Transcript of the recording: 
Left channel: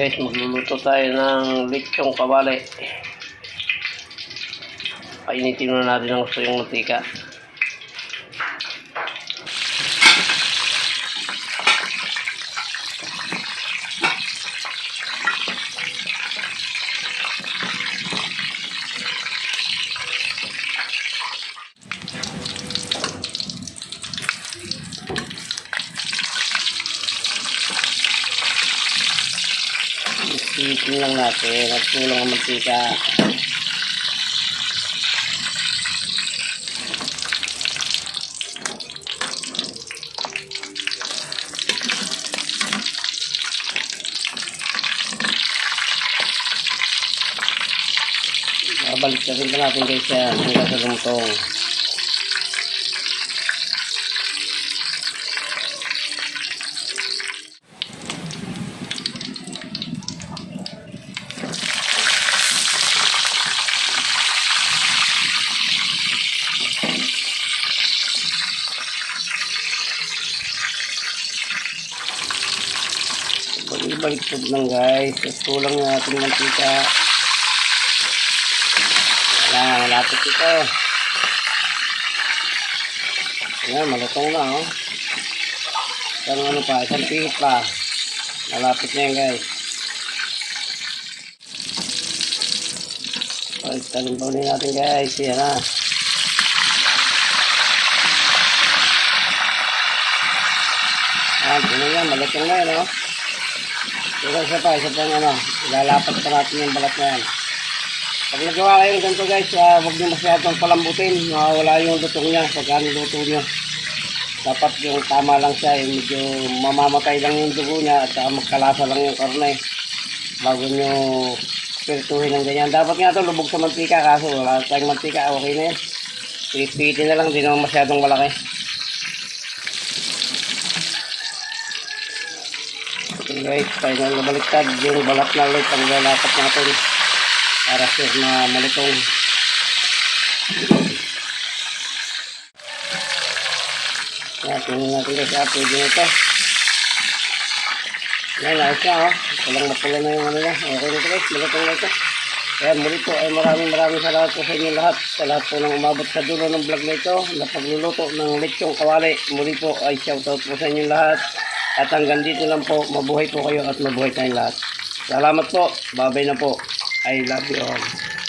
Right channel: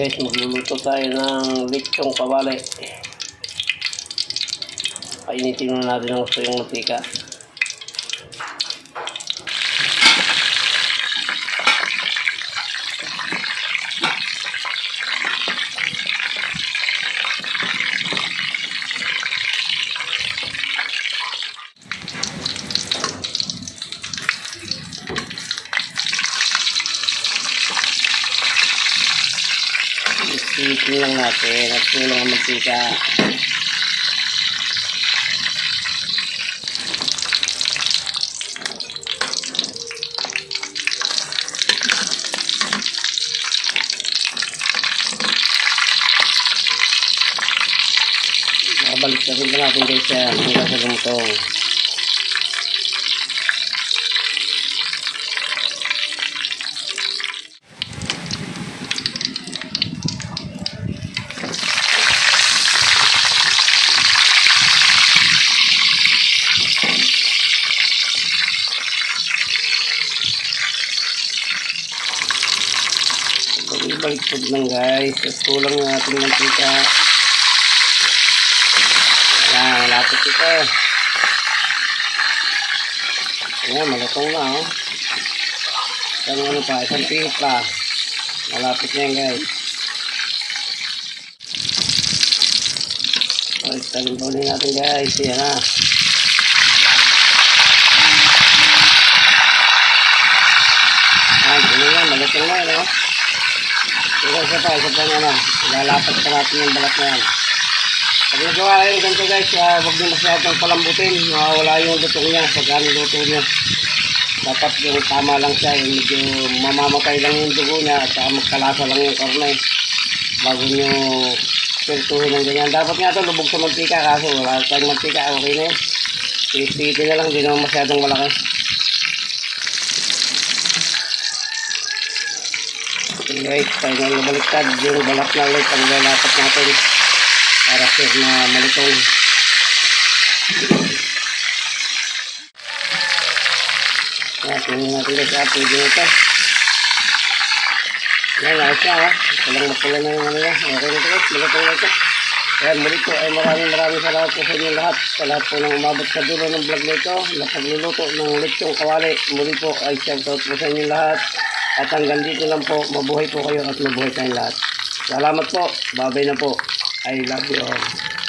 Guys, magluluto tayo ng lechong kawali. Painitin muna natin ng gusto yung mantika. Ipitin lang natin at kulang ang mantika. Balik na rin natin guys hanggang sa lumutong. Baliktad lang guys, kulang na ating mantika. Ayan, malapit ito. Ayan, malutong na oh. Isang ano pa, isang pihit pa. Malapit na yan guys. Baliktadin pa ulit natin guys. Ayan na. Ayan, ito yan, malutong na yan oh. Isa pa ano, ilalapat pa natin yung balat na yan. Pag nagawa kayo ganito guys, huwag nyo masyadong palambutin, wala yung luto niya, pagkano luto niya. Dapat yung tama lang siya, medyo mamamatay lang yung dugo niya at magkalasa lang yung karne bago nyo pirtuhin ng ganyan. Dapat nga ito lubog sa mantika, kaso wala tayong mantika, okay na yun. Pipitin na lang, di naman masyadong malaki. Guys, tayo na nabaliktad yung balat na ulit ang lalapat natin para sure na malutong. Tingnan natin guys, pwede na ito. Yan, ayos na oh. Walang mapula na yung ano na. Okay na ito guys, malutong na ito. Ayan, muli po ay maraming salamat po sa inyo lahat. Sa lahat po ng umabot sa dulo ng vlog na ito na pagluluto ng lechong kawali. Muli po ay shoutout po sa inyo lahat. At hanggang dito lang po, mabuhay po kayo at mabuhay tayong lahat. Salamat po, babay na po. I love you all.